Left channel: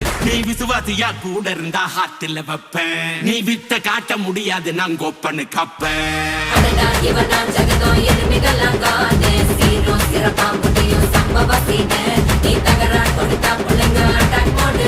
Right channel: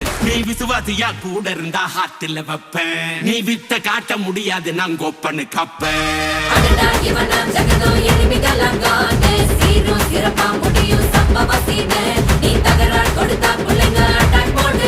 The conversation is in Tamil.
நீ விசுவாசியா கூட இருந்தா ஹார்ட்ல வைப்பேன். நீ வித்த காட்ட முடியாது நான் கொப்பனு கப்பேன். சிறப்பா முடியும் சம்பவ சீனு. நீ தகராறு கொடுத்தா பிள்ளைங்க அட்டாக் மோடு.